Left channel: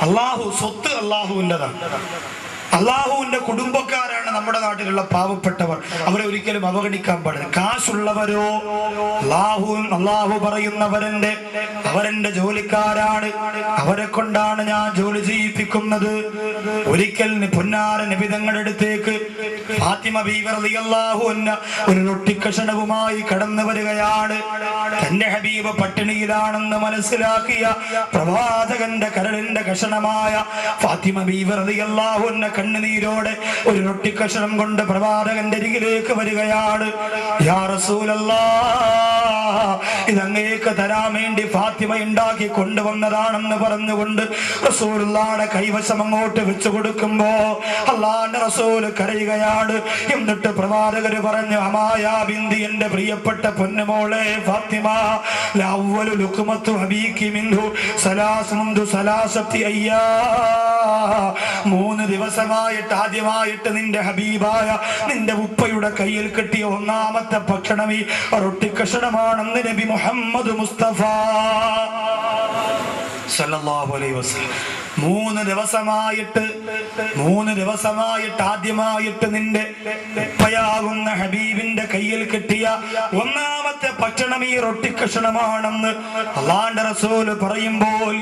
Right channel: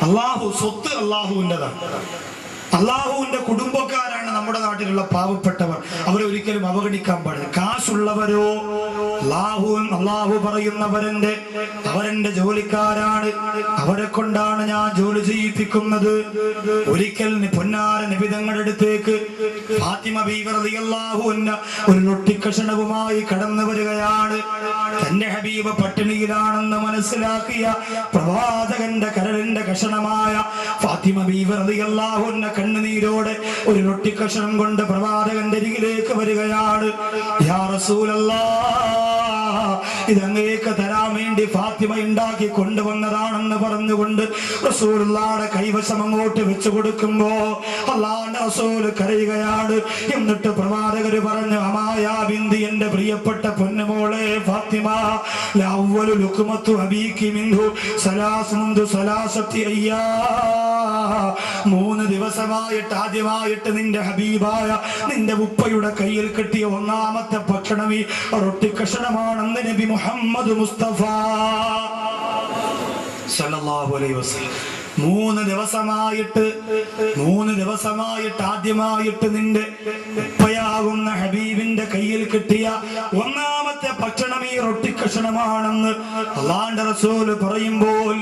അള്ളാഹു സ്വത്ത് അള്ളാഹുവിന്റെതാണ്. അള്ളാഹുവിന്റെ കുടുംബക്കാരാണ് നമ്മുടെ നാട്ടിലുള്ള പാവപ്പെട്ടവർ. അവരെ ഒരിക്കലും അവഗണിക്കാൻ പാടില്ല. കാശുള്ളവരോ അള്ളാഹു അള്ളാഹു പറയുന്നവരെന്റെ അവരെന്റെ ജോലിക്കാരാണ്. അവരെ കൊണ്ടാണ് ഞാൻ ജോലി ചെയ്യിപ്പിക്കുന്നത്. ഒരിക്കൽ പൊന്നാര നിബിതങ്ങളെടുത്തേക്ക് ഫാത്തിമ ഭീകരതി അള്ളാഹു ഒരു നൊട്ടിക്കഷണവുമായി കടന്നു വരികയാണ്. തന്റെ ഹബീബ് പട്ടിണിയിലാണെന്ന് മനസ്സിലാക്കിയ പ്രവാചകന്റെ കരലിന്റെ കഷണമായ ഫാത്തിമ ഭീകരതി അള്ളാഹു കണ്ണുനീരോടെ ഒരു റൊട്ടിക്കഷണം കൊണ്ട് പ്രവാചകന്റെ അരികിലേക്ക് വരികയാണ്. ഇതങ്ങേക്ക് തരാൻ വേണ്ടി ഫാത്തിമ ഉണ്ടാക്കി കൊണ്ടുവന്നതാണെന്ന് പറഞ്ഞുകൊണ്ട് റസൂലുള്ളാടെ കൈവശം അങ്ങോട്ട് വെച്ചു കൊടുക്കുമ്പോ അള്ളാന്റെ റസൂൽ കരയുകയാണ്. എന്നിട്ട് പ്രവാചകര് പറഞ്ഞു അമായാ ബിന്ദി എന്റെ പ്രിയപ്പെട്ട പൊന്നുമോളെ ഫാത്തിമ ലവ്വലു ലുക്മത്തു അബീക്കി മിൻഹു സലാസ് മുന്തു സലാസത്തി അയ്യാ. മൂന്ന് ദിവസമായിട്ട് ആദ്യമായിട്ട് നിന്റെ ഹബീബായ നിന്റെ ഉപ്പയുടെ കയ്യിൽ കിട്ടിയ ഒന്നാമത്തെ ഭക്ഷണം ഈ റൊട്ടി കഷണമാണെന്ന് നബി മുഹമ്മദ് മുസ്തഫ. സല്ലല്ലാഹു അലൈഹി വസല്ലം. മൂന്ന് ദിവസമായിട്ട് മൂന്ന് ദിവസമായിട്ട് ആദ്യമായിട്ട് നിന്റെ ഉപ്പയാകുന്ന ഹബീബിന്റെ കയ്യിൽ കിട്ടിയ ഒന്നാമത്തെ ഭക്ഷണം ഈ റൊട്ടി കഷണമാണെന്ന് അള്ളാന്റെ റസൂൽ പറയുമ്പോൾ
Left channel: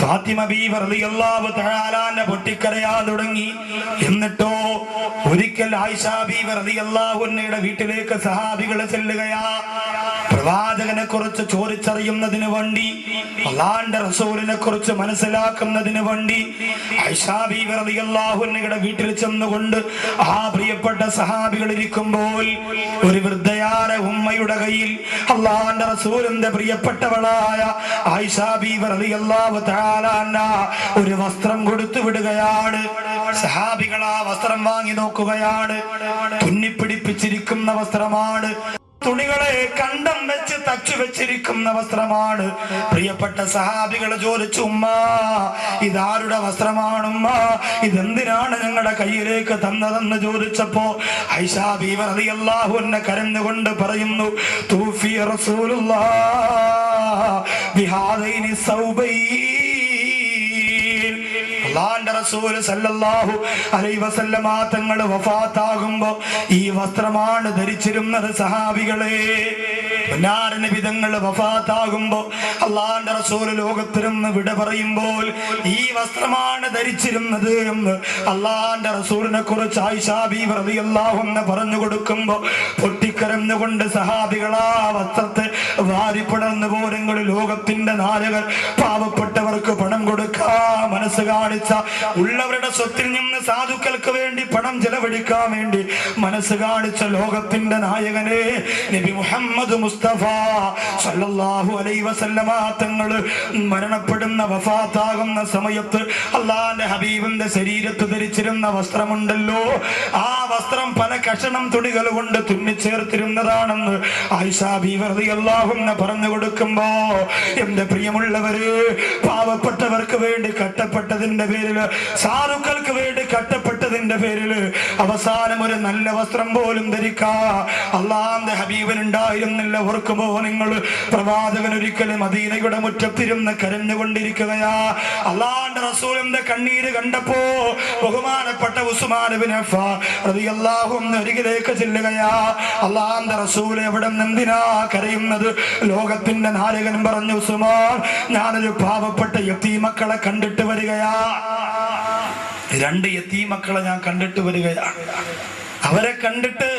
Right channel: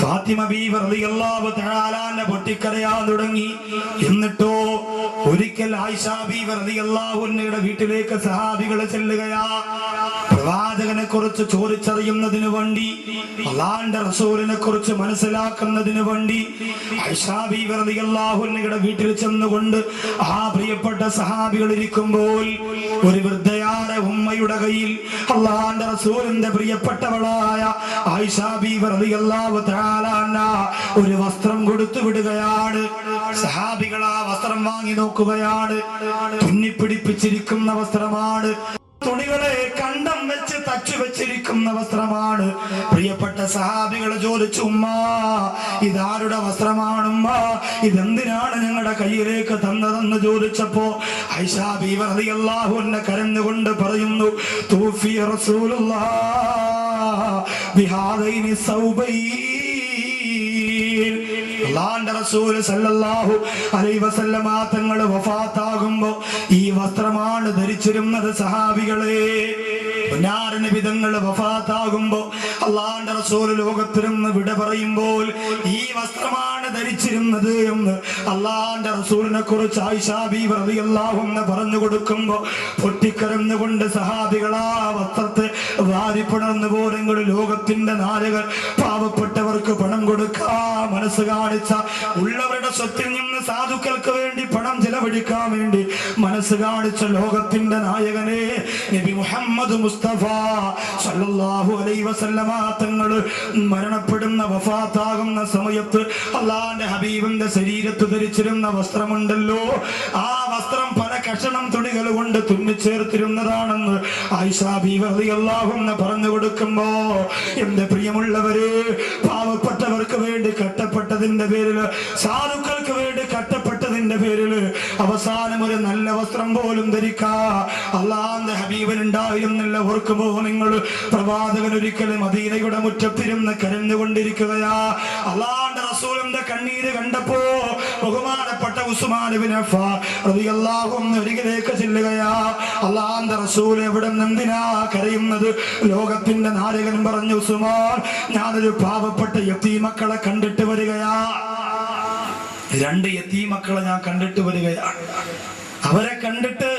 ഫാത്തിമ ബീവർ തആലാന്റെ പൊട്ടിക്കരയാൻ തുടങ്ങി. എന്നിട്ടോ ഒരിക്കൽ ആയിഷാ ബീവർ അൻഹയുടെ വീട്ടിലേക്ക് സഹാബികൾ ചെല്ലുകയാ. പ്രവാചകനെ കുറിച്ച് ചോദിച്ചറിയുന്നതിന് വേണ്ടി അള്ളാന്റെ റസൂലിനെ കുറിച്ച് മനസ്സിലാക്കുന്നതിന് വേണ്ടി ഐഷാബിയുടെ വീട്ടിൽ ചെന്നുകൊണ്ട് ആ പ്രിയപ്പെട്ട സഹാബികൾ ഇരിക്കുമ്പോൾ ഒരു വൃദ്ധയാര ഉമ്മയുടെ കയ്യിൽ അള്ളാന്റെ റസൂലിന്റെ പ്രിയപ്പെട്ടവളായ ഒരു വസ്ത്രം കൊടുത്തു വിടുകയാണ്. സഹാബികൾ ആ വസ്ത്രം വാങ്ങി നോക്കുകയാണ്. തുന്നിപ്പിടിപ്പിച്ചിരിക്കുന്ന വസ്ത്രമാണ്. തുണികളെ കണ്ടം വെച്ച് തച്ചു വെച്ചിരിക്കുന്ന വസ്ത്രമാണ്. പ്രിയപ്പെട്ട സഹാബികളെ ചോദിച്ചു ഉമ്മ ഇതാരുടെ വസ്ത്രമാണ് ഉമ്മ? ഇതെന്തിനാണ് ഞങ്ങളുടെ കയ്യിലേക്ക് തന്നതെന്ന് ചോദിച്ചപ്പോ ഐഷാബി അള്ളാഹു എന്നെ കരഞ്ഞുകൊണ്ട് പറയുന്നു തൂഫി റസൂലുള്ള സൗബൈൻ സല്ലല്ലാഹു അലൈഹി വസല്ലമ തങ്ങൾ വഫാത്താകുമ്പോ ഈ വസ്ത്രമാണ് ധരിച്ചിരുന്നത് സഹാബികളെ. വിധങ്ങൾ വഫാത്താകുമ്പോ അള്ളാന്റെ റസൂൽ ലോകത്തിരുന്ന് വിട പറയുമ്പോൾ ഈ വസ്ത്രമാണ് ധരിച്ചിരുന്നത് എന്ന് അള്ളാന്റെ റസൂലിനെ കുറിച്ച് ആയിഷാബി റളിയല്ലാഹു എന്ന് പറഞ്ഞു കൊടുക്കുമ്പോ പൊട്ടിക്കരന്നുകൊണ്ട് സഹാബികളാ വസ്ത്രത്തെ വാരിപ്പടർന്നു പോരെങ്കിൽ ലോകത്തിന്റെ നാലുകൾ പാവപ്പെട്ടവർക്ക് പണം കൊടുക്കാ മനസ്സ് കാണിച്ച ഉള്ളവരുടെ സ്വത്തിൽ നിന്ന് സാധുക്കൾക്ക് വേണ്ടി പണം ചെലവഴിക്കാൻ വേണ്ടി മനസ്സ് കാണിച്ച ലോകത്തിന്റെ നായകനെ നബി മുഹമ്മദ് മുസ്തഫ സല്ലല്ലാഹു അലൈഹി വസല്ലമ തങ്ങൾ മരണപ്പെടുന്ന വഫാത്താകുന്ന സമയത്ത് അള്ളാന്റെ ഹബീബിന്റെ ശരീരത്ത് ധരിച്ചിരുന്ന വസ്ത്രമുണ്ടല്ലോ. ആ വസ്ത്രം പല കഷണം തുണികൾ കൊണ്ട് തുന്നിച്ചേർത്തിരുന്നതാണെന്ന് ആയിഷാ ബീവി അള്ളാഹുന്ന് പറഞ്ഞു കൊടുക്കുമ്പോ എന്റെ പ്രിയമുള്ളവര് പാവപ്പെട്ടവർക്ക് വേണ്ടി കട്ടപ്പെട്ടതിന്റെ പേരിൽ സാധുക്കൾക്ക് വേണ്ടി കട്ടപ്പെട്ടതിന്റെ പേരിൽ അവസാനം ഒരു നല്ല വസ്ത്രം പോലും ധരിക്കാ. അള്ളാന്റെ ഹബീബൻ ഉണ്ടായിരുന്നില്ല ഓർക്കുമ്പോ നിങ്ങൾ പ്രവാചകൻ ഒരിക്കലും മദീനയുടെ മുറ്റത്തിരുന്ന് കരഞ്ഞുകൊണ്ടിരിക്കുകയാ. അള്ളാന്റെ റസൂലിന്റെ കണ്ണീര് കണ്ടപ്പോ ബഹുമാനപ്പെട്ട അരികിലേക്ക് ചെല്ലുകയാ. അള്ളാന്റെ റസൂൽ എവിടെ എന്തിനാ കരയുന്നത്? ലോകത്തിന്റെ നാരകൻ പറഞ്ഞു ഉസ്മാൻ ഞാനൊരു പാവപ്പെട്ട യത്തീമക്കളെ കണ്ടിട്ട് വരികയാ. രണ്ട് യത്തീമക്കളെ ഞാൻ കണ്ടിട്ട് വരികയാണ് അവരെ കണ്ടിട്ട്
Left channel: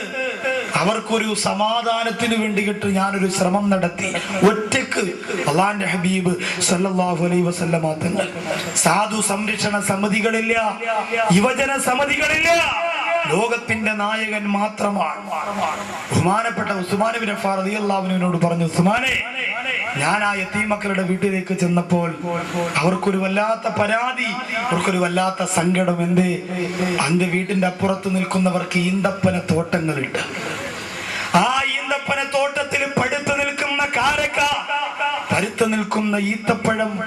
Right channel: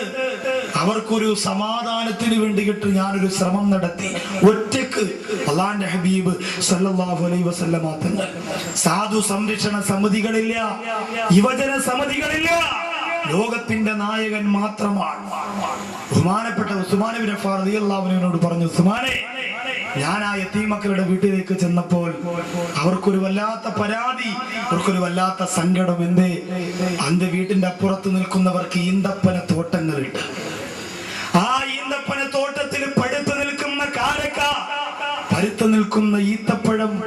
അവർക്കൊരു സമാധാനത്തിന് വേണ്ടിയിട്ട് ഞാനൊരു ശ്രമം നടത്തി. ഒറ്റയ്ക്ക് അള്ളാന്റെ ഹബീബ് സല്ലല്ലാഹു അലൈഹി വസല്ലമ തങ്ങൾ സാധു സംരക്ഷണ സമിതികളില്ല യുവജന സമിതികളില്ല. ലോകത്തിന്റെ നായകൻ മാത്രമാണ്. ബഹുമാനപ്പെട്ട ഉസ്മാൻ ബിൻ അലി അള്ളാഹുവിനോട് പറഞ്ഞു ഉസ്മാനെ ഞാൻ ആ യത്തീമക്കളുടെ വീട്ടിലേക്ക് ചെന്നപ്പോൾ അവർക്കൊരു വല്ലാത്ത പരാതി അവർക്കൊരു വല്ലാത്ത സങ്കടം എന്തേ? അന്റെ വീട്ടിന്റെ അപ്പുറത്ത് നിൽക്കുന്നവർക്ക് ഈന്തപ്പന തോട്ടങ്ങളുണ്ട്. ആ ഈന്തപ്പന തോട്ടത്തിൽ പഴുത്തു നിൽക്കുന്ന കാരക്ക പരുത്തു നിൽക്കുന്ന ഈത്തപ്പഴം.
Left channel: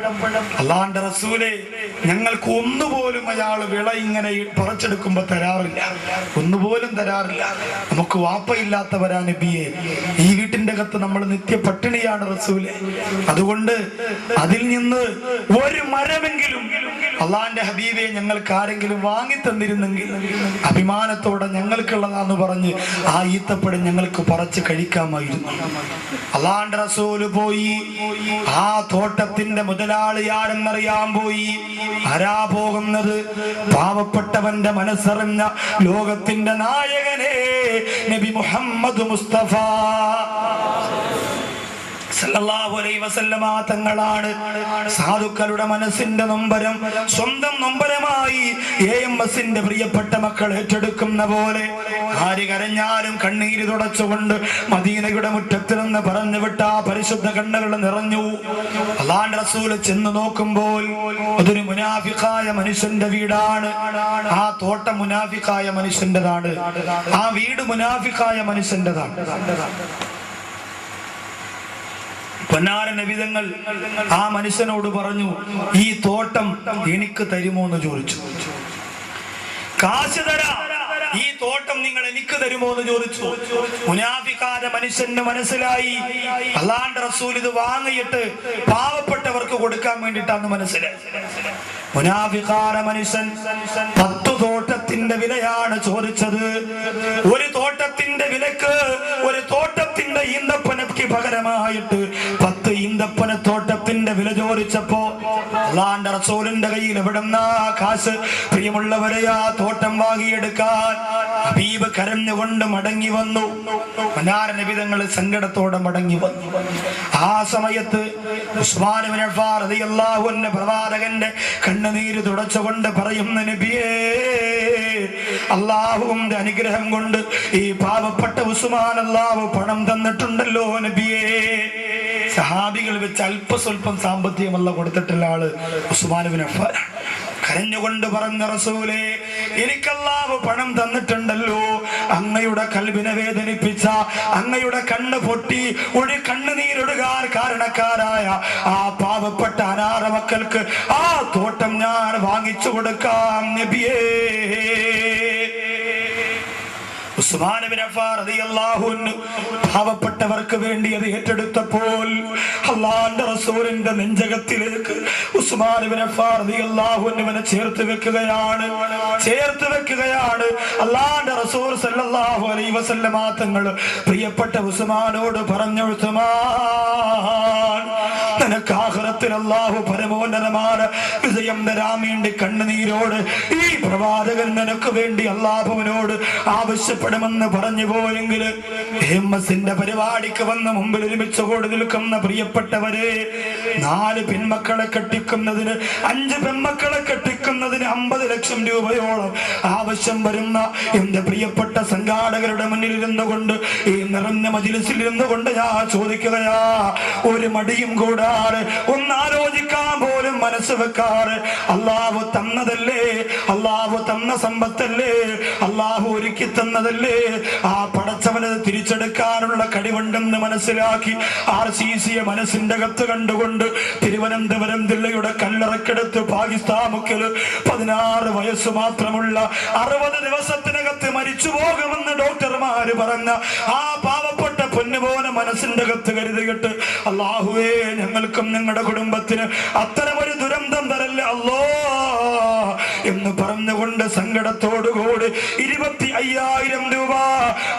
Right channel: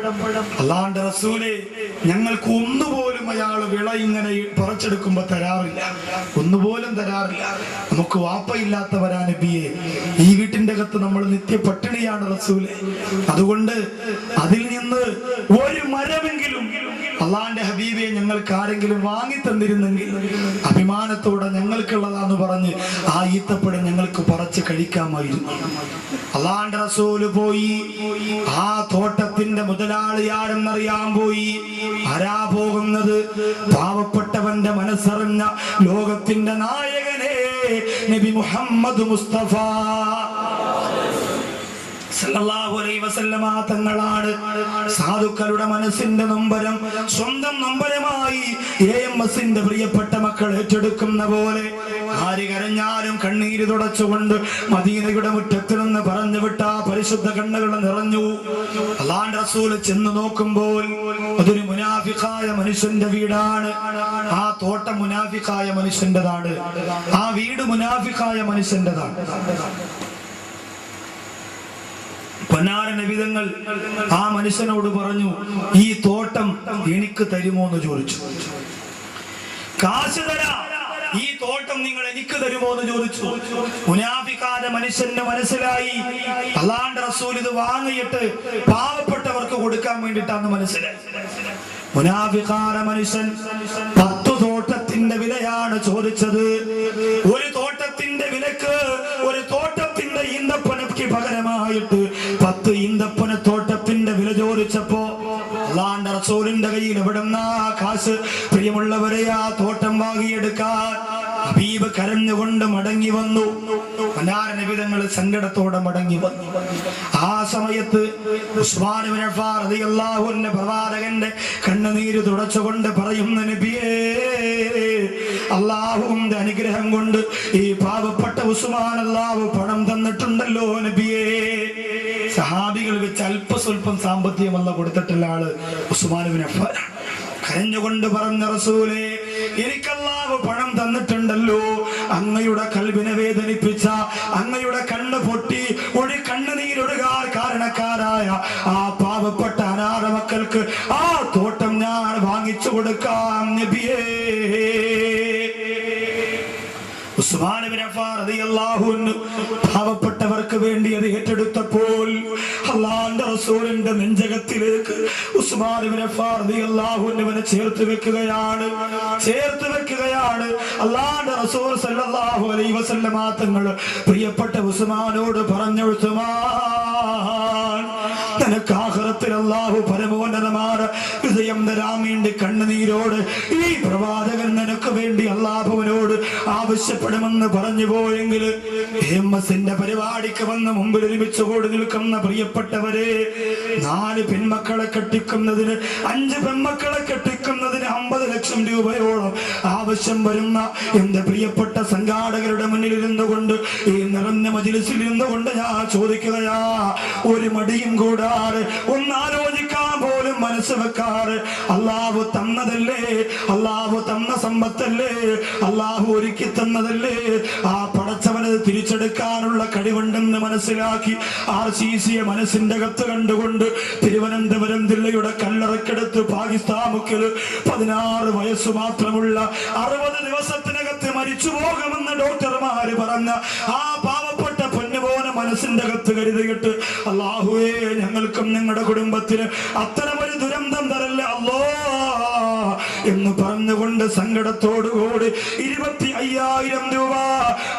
അല്ലാണ്ട് റസൂലെ ഞങ്ങൾക്ക് ഒന്നുപോലും അയാൾ വിള ഇങ്ങനെ പറിച്ചെടുക്കുമ്പോ തരാറില്ല. ഒന്നുപോലും തരാറില്ല. നമുക്ക് വാപ്പയില്ലാത്തവരാ നബിയെ. ഈ വീട്ടിന്റെ അകത്ത് നമ്മൾ നിത്യ പട്ടിണിയാണ് റസൂലെ. അതുകൊണ്ട് അതിൽ നിന്ന് ഒരു മരമെങ്കിലും അള്ളാന്റെ ഹബീബെ ഞങ്ങൾക്ക് ആരെങ്കിലും വാങ്ങി തന്നിരുന്നെങ്കിൽ അഭിമാനത്തോടെ ഞങ്ങൾക്കുള്ളതാന്ന് പറഞ്ഞ് ആ ഈത്തപ്പഴം ഞങ്ങൾക്ക് പറച്ച് കഴിക്കാമായിരുന്നു. അള്ളാന്റെ റസൂൽ പോയി. ആ തോട്ടത്തിന്റെ മുതലാളി ആരെന്നറിയാൻ പോയി. ആരാ പോകുന്നത്? പാവപ്പെട്ടവന്റെ മനസ്സറിഞ്ഞ ലോകത്തിന്റെ നായകനെ നബി മുഹമ്മദ് മുസ്തഫ. തങ്ങളാണ്. സാധുക്കളുടെ മനസ്സിന്റെ നൊമ്പരം സ്വന്തം നൊമ്പരമായി എ എം എസിന്റെ പ്രിയപ്പെട്ട മക്കൾ ഏറ്റെടുക്കുന്ന പോലെ ആര് കരഞ്ഞാലും കണ്ണീര് തുടച്ചുകൊണ്ട് മദീനയുടെ മുറ്റത്തിൽ നിന്ന് പറഞ്ഞു വിട്ട പരിശുദ്ധ കണ്ണുകൾ നിറഞ്ഞു. അള്ളാന്റെ റസൂൽ ചെന്ന് നോക്കുമ്പോൾ അതൊരു മുനാഫിക്കായ മനുഷ്യന്റെ വീടാണ്. ആ തോട്ടം മുനാഫിക്കായ മനുഷ്യന്റെതാണ്. ആ വീട് മുനാഫിക്കായ മനുഷ്യന്റെതാണ്. പൊന്നാര നബിതങ്ങൾ ആ മനുഷ്യനോട് പറഞ്ഞു ഈ തോട്ടം എനിക്ക് തരുമോ? എന്ന് ചോദിച്ചു. കാശ് തരാ. ഈ തോട്ടം നിങ്ങൾ എനിക്ക് തരുമോ എന്ന് ചോദിച്ചു. മുനാഫിക്കാതെ മനുഷ്യന്റെ മനസ്സിലായി. അള്ളാണ്ട് റസൂൽ ഇത് വാങ്ങിയിട്ട് പാവപ്പെട്ടവർക്ക് കൊടുക്കാൻ വേണ്ടിട്ടാന്ന് മനസ്സിലായി മുനാഫിക്കാര മനുഷ്യൻ പത്തു തോട്ടത്തിന്റെ വിലയാണ് ചോദിച്ചത്. ഒരു തോട്ടത്തിന്റെ വിലക്ക് ഒരു തോട്ടത്തിന്റെ ഈന്തപ്പനക്ക് പകരമായിട്ട് തോട്ടത്തിന്റെ വില ചോദിച്ചപ്പോ അള്ളാന്റെ റസൂലിന്റെ കയ്യിൽ എവിടെന്നാ കാശ്? പ്രിയമുള്ളവരെ ആ തോട്ടം വാങ്ങിയെടുക്കാൻ ഹബീബ് കരഞ്ഞുകൊണ്ട് മടങ്ങി വന്നു. നബിതങ്ങൾ സങ്കടത്തോടെ മടങ്ങി വന്നു. ആ സമയത്ത് അൻഹു പ്രവാചകന്റെ കണ്ണുനീര് തുടച്ചുകൊണ്ട് പറയുന്ന നബിയേ അള്ളാഹുവിന്റെ അനുഗ്രഹം കൊണ്ട് ഈ പാവപ്പെട്ട ഉസ്മാൻ അല്ലാഹു പണം തന്നിട്ടുണ്ടല്ലോ നബിയേ. സഹാബികൾ വെച്ച് അല്പസ്വല്പം സാമ്പത്തികമല്ല കൊടുത്തിട്ടുള്ള ആൾ അഫ്ഫാൻ. കരഞ്ഞുകൊണ്ട് പറഞ്ഞ റസൂലേ എനിക്കല്ലാവ് പണം തന്നിട്ടുണ്ടല്ലോ. അങ്ങയുടെ കൽവിനെ വേദനിപ്പിച്ച അങ്ങയുടെ കണ്ണ് പൊട്ടി ഒരു കണ്ണുനീരൊടുകാർ കാരണക്കാരായ ആ പാവപ്പെട്ട അനാഥ മക്കൾക്ക് ആ തോട്ടം ഞാൻ വാങ്ങിച്ചു കൊടുക്കാം നബിയേ പാവപ്പെട്ടവർക്ക് വേണ്ടി അത് ഏറ്റെടുത്തപ്പോൾ റസൂലിന്റെ നെഞ്ചകത്തിലേക്ക് അൻഹുവിനെ ചേർത്ത് വെക്കുകയാണ്. ചേർത്ത് വെക്കുകയാണ്. അള്ളാന്റെ റസൂൽ സല്ലല്ലാഹു അലൈഹി വസല്ലമ തങ്ങൾ പ്രിയപ്പെട്ട ഉസ്മാനോട് പറഞ്ഞു ഉസ്മാൻ നിനക്ക് ആഖിറത്തിൽ അല്ലാഹു പരമോന്നതമാണ് വിജയം തരാൻ കണ്ണുനീരോട് ഈ പ്രവാചകൻ നിനക്ക് വേണ്ടി അള്ളാഹുവിനോട് ആവശ്യപ്പെടുമെന്ന് പറഞ്ഞു പോയെങ്കിൽ എം എസിന്റെ പരിപാടിക്ക് വന്ന മുമ്പിൽ ഒരുമിച്ച് കൂടി നിൽക്കുന്ന പ്രിയപ്പെട്ടവരെ നാല് പെൺമക്കളെ കെട്ടിക്കുന്നതിന് അഞ്ച് പെൺമക്കളെ കെട്ടിക്കുന്നതിന് അമ്പത് ലക്ഷം രൂപയോളം ആവശ്യം വരുന്ന എന്റെ പ്രിയപ്പെട്ട സംഘാടകരുടെ മുന്നിൽ ഇരുന്നുകൊണ്ട് ഈ നിറഞ്ഞ മജിലിസിൽ ഇരുന്നുകൊണ്ട് ഞാൻ ചോദിക്കുകയാ ഒരു മടിയും കൂടാതെ ഒന്നാലോചിക്കാൻ പോലും മനസ്സ് വെക്കാറ് അള്ളാഹു തന്നതല്ലേ? അള്ളാഹു തന്ന സമ്പത്തല്ലേ? അള്ളാഹു ഒരുക്കി തന്നതല്ലേ? ആ പടച്ചവനത് തിരിച്ചെടുക്കാനുള്ള കഴിവുണ്ടെന്ന് മനസ്സിലാക്കി ആർ സി സിയെ മനസ്സിന്റെ അകത്ത് കണ്ടുകൊണ്ട് തിരുവനന്തപുരം ജില്ലയുടെ കല്ലറക്കെടുത്ത് പാകിസ്ഥാൻ മുക്കിൽ പതിനാറ് വയസ്സ് മാത്രമുള്ള അറുപത് ദിവസത്തിനകത്ത് മരിച്ചു പോകുമെന്ന് ഡോക്ടർമാര് പറഞ്ഞ ആ പാവപ്പെട്ട പൊന്നുപോലെ മനസ്സിന്റെ അകത്ത് കരുതിയിട്ട് അള്ളാഹുവേ ഞങ്ങൾക്കും ഞങ്ങളുടെ കുടുംബത്തിന് അത്തരമൊരു ദുരന്തം തരല്ലേ. അല്ലോ എന്ന് പറഞ്ഞുകൊണ്ട് സങ്കടത്തോടുകൂടി ഇരുപത്തി അയ്യായിരം രൂപ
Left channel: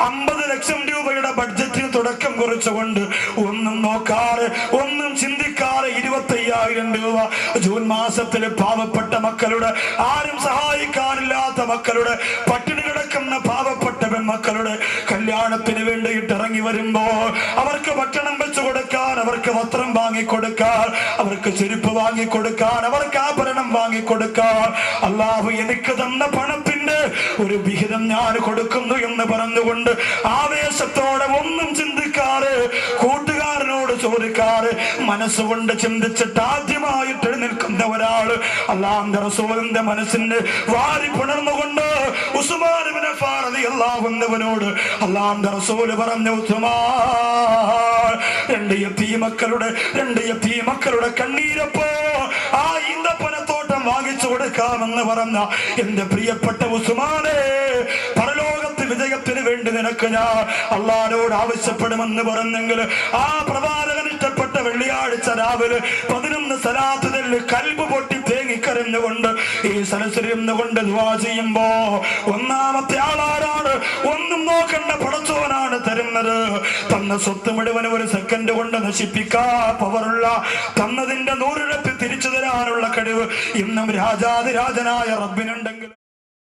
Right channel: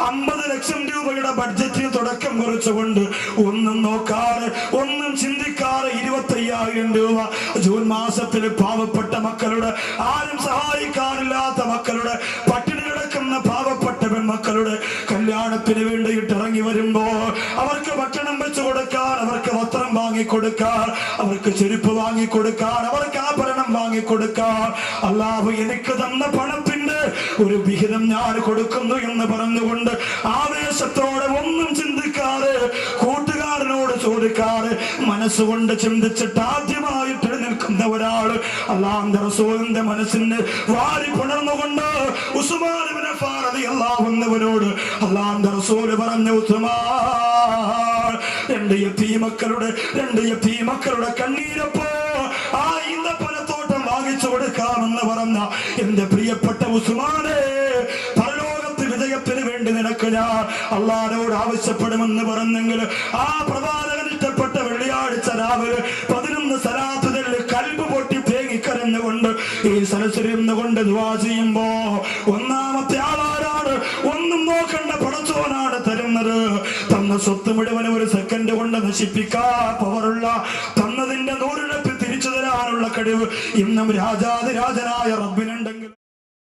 അമ്പത് ലക്ഷം രൂപയുടെ ബഡ്ജറ്റിന് തുടക്കം കുറിച്ചുകൊണ്ട് ഒന്നും നോക്കാറ് ഒന്നും ചിന്തിക്കാറ് ഇരുപത്തി അയ്യായിരം രൂപ ജൂൺ മാസത്തിൽ പാവപ്പെട്ട മക്കളുടെ ആരും സഹായിക്കാനില്ലാത്ത മക്കളുടെ പട്ടിണി കിടക്കുന്ന പാവപ്പെട്ട പെൺമക്കളുടെ കല്യാണത്തിന് വേണ്ടിയിട്ട് ഇറങ്ങി വരുമ്പോൾ അവർക്ക് ഭക്ഷണം വെച്ചു കൊടുക്കാൻ അവർക്ക് വസ്ത്രം വാങ്ങി കൊടുക്കാൻ അവർക്ക് ചെരുപ്പ് വാങ്ങി കൊടുക്കാൻ അവർക്ക് ആഭരണം വാങ്ങി കൊടുക്കാൻ അള്ളാഹു എനിക്ക് തന്ന പണത്തിന്റെ ഒരു വിഹിതം ഞാൻ കൊടുക്കുന്നു എന്ന് പറഞ്ഞുകൊണ്ട് ആവേശത്തോടെ ഒന്നും ചിന്തിക്കാറ് കൂട്ടുകാരനോട് ചോദിക്കാറ് മനസ്സുകൊണ്ട് ചിന്തിച്ചിട്ട് ആദ്യമായിട്ട് നിൽക്കുന്ന ഒരാൾ അള്ളാന്റെ റസൂലിന്റെ മനസ്സിന് വാരി പുണർന്നുകൊണ്ട് അഫ്ഫാൻ റളിയല്ലാഹു അൻഹുവിനോട് അള്ളാന്റെ റസൂൽ പറഞ്ഞു ഉസ്മാൻ രണ്ട് എപ്പി മക്കളുടെ രണ്ട് മക്കളുടെ കണ്ണീരപ്പോ ആ ഈന്തപ്പനത്തോട്ടം വാങ്ങിച്ചു കൊടുക്കാമെന്ന് പറഞ്ഞ എന്റെ പ്രിയപ്പെട്ട ഉസ്മാനെ പരലോകത്ത് വേണ്ടി നിനക്ക് ഞാൻ അള്ളാരോട് ആവശ്യപ്പെടുമെന്ന് പറഞ്ഞെങ്കിൽ ആ പ്രവാചകൻ ഇഷ്ടപ്പെട്ട വെള്ളിയാഴ്ച രാവിലെ പതിനൊന്ന് സലാത്തിൽ കൽബ് പൊട്ടി തേങ്ങിക്കരഞ്ഞുകൊണ്ട് ഈ സരസരിന്നുകൊണ്ട് ദ്വാ ചെയ്യുമ്പോ ഒന്നാമത്തെ ആളാരാണ്? ഒന്നും നോക്കണ്ട പടച്ചോനാണ് തരുന്നത്. തന്ന സ്വത്ത് മുഴുവൻ ഒരു സെക്കൻഡ് കൊണ്ട് നശിപ്പിക്കാ പവറുള്ള തന്നതിന്റെ നൂറിഴപ്പ് തിരിച്ചു തരാനുള്ള കഴിവ് ഇന്നും രാജാതിരാജനായ റബ്ബിനുണ്ടെങ്കിൽ